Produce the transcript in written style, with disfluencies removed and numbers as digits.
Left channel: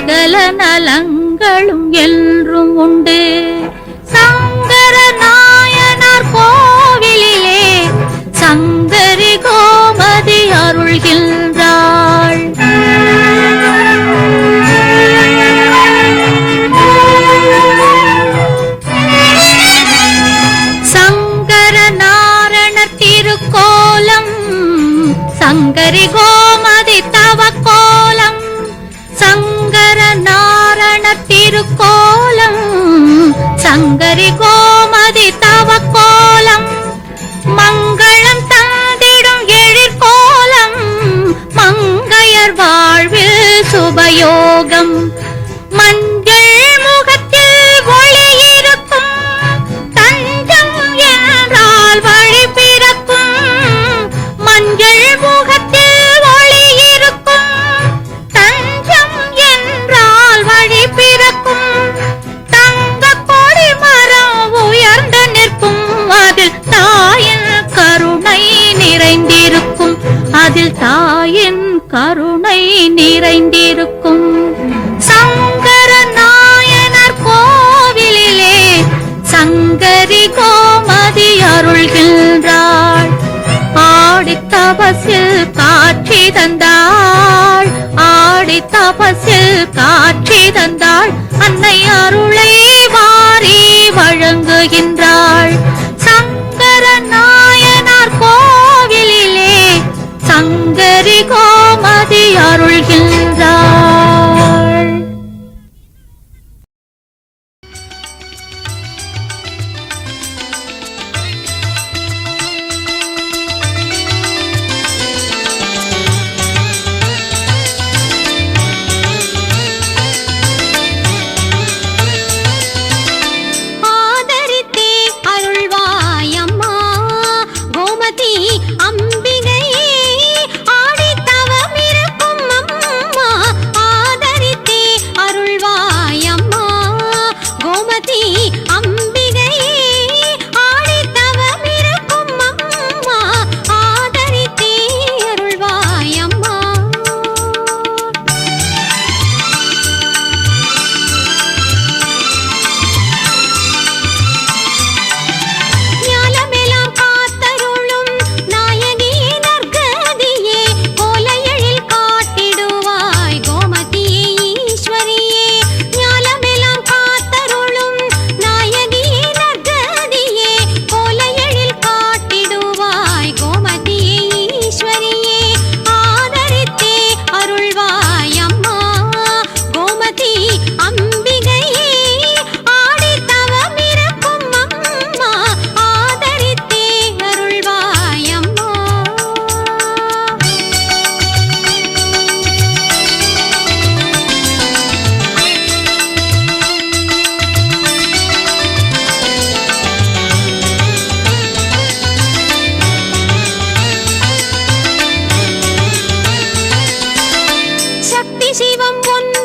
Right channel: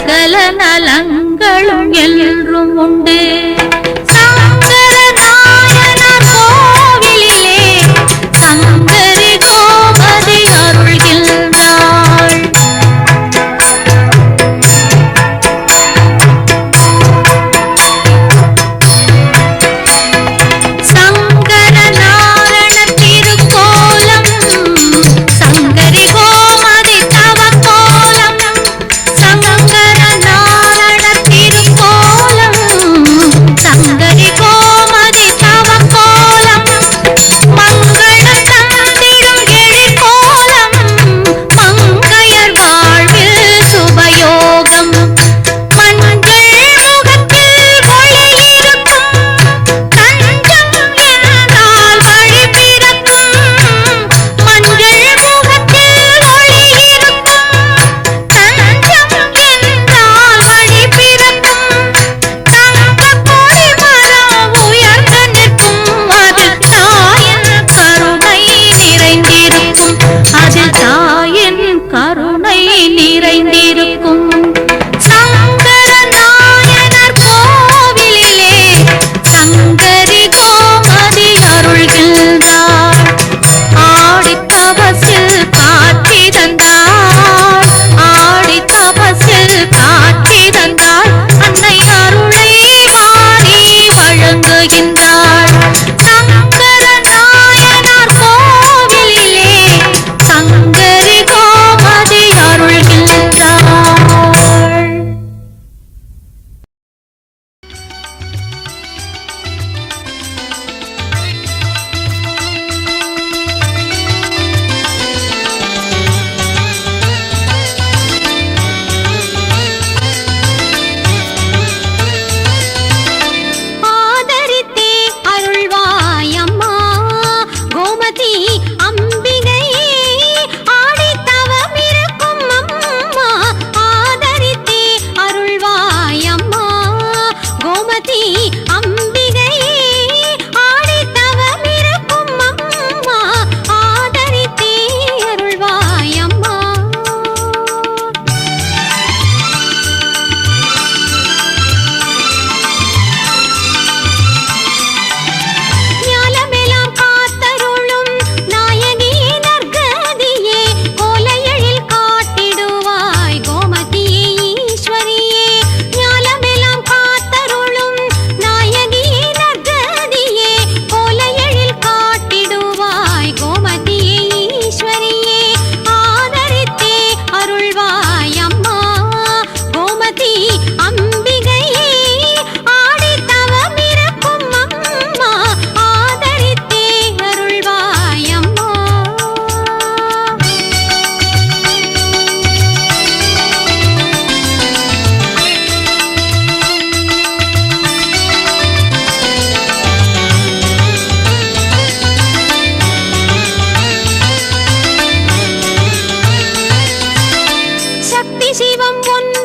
சகல நலங்களும் என்றும் உண்டு. சங்கர நாயனார் கோவிலிலே சங்கரி கோமதி அருள்கின்றாள். சங்கர நாரண திருக்கோலம் சங்கரி கோமதி தவக்கோலம். சங்கர நாரண திருக்கோலம் சங்கரி கோமதி தவக்கோலம். மங்களம் தந்திடும் எழிற்கோலம் மங்கையர் வாழ்வில் சுபயோகம். மஞ்சள் முகத்தில் ஒளி இருக்கும் தஞ்சம் என்றால் வழி பிறக்கும். மஞ்சள் முகத்தில் ஒளி இருக்கும் தஞ்சம் என்றால் வழி பிறக்கும். தங்க கொடி மரம் உயர்ந்து நிற்கும் அதில் தாயின் கருணை நிறைந்திருக்கும். அதில் தாயின் கருணை நிறைந்திருக்கும். சங்கர நாயனார் கோவிலிலே சங்கரி கோமதி அருள்கின்றாள். ஆடி தபசில் காட்சி தந்தாள். ஆடி தபசில் காட்சி தந்தாள். அன்னை அருளை வாரி வழங்குகின்றாள். சங்கர நாயனார் கோவிலிலே சங்கரி கோமதி அருள்கின்றாள். ஆதரித்தே அருள்வாயம்மா கோமதி அம்பிகையே ஆடித்தவமிருக்கும் அம்மா. ஆதரித்தே அருள்வாயம்மா கோமதி அம்பிகையே ஆடித்தவமிருக்கும் அம்மா. ஆதரித்தே அருள்வாயம்மா. ஞானமெல்லாம் காத்தருளும் நாயகி நற்கதியே கோலையழில் காட்டிடுவாய் கோமதியே ஈஸ்வரியே. ஞானமெல்லாம் காத்தருளும் நாயகி நற்கதியே கோலையழில் காட்டிடுவாய் கோமதியே ஈஸ்வரியே. ஆதரித்தே அருள்வாய் அம்மா கோமதி அம்பிகையே ஆடித்தவமிருக்கும் அம்மா. ஆதரித்தே அருள்வாய் அம்மா. சக்தி சிவம் ஒன்று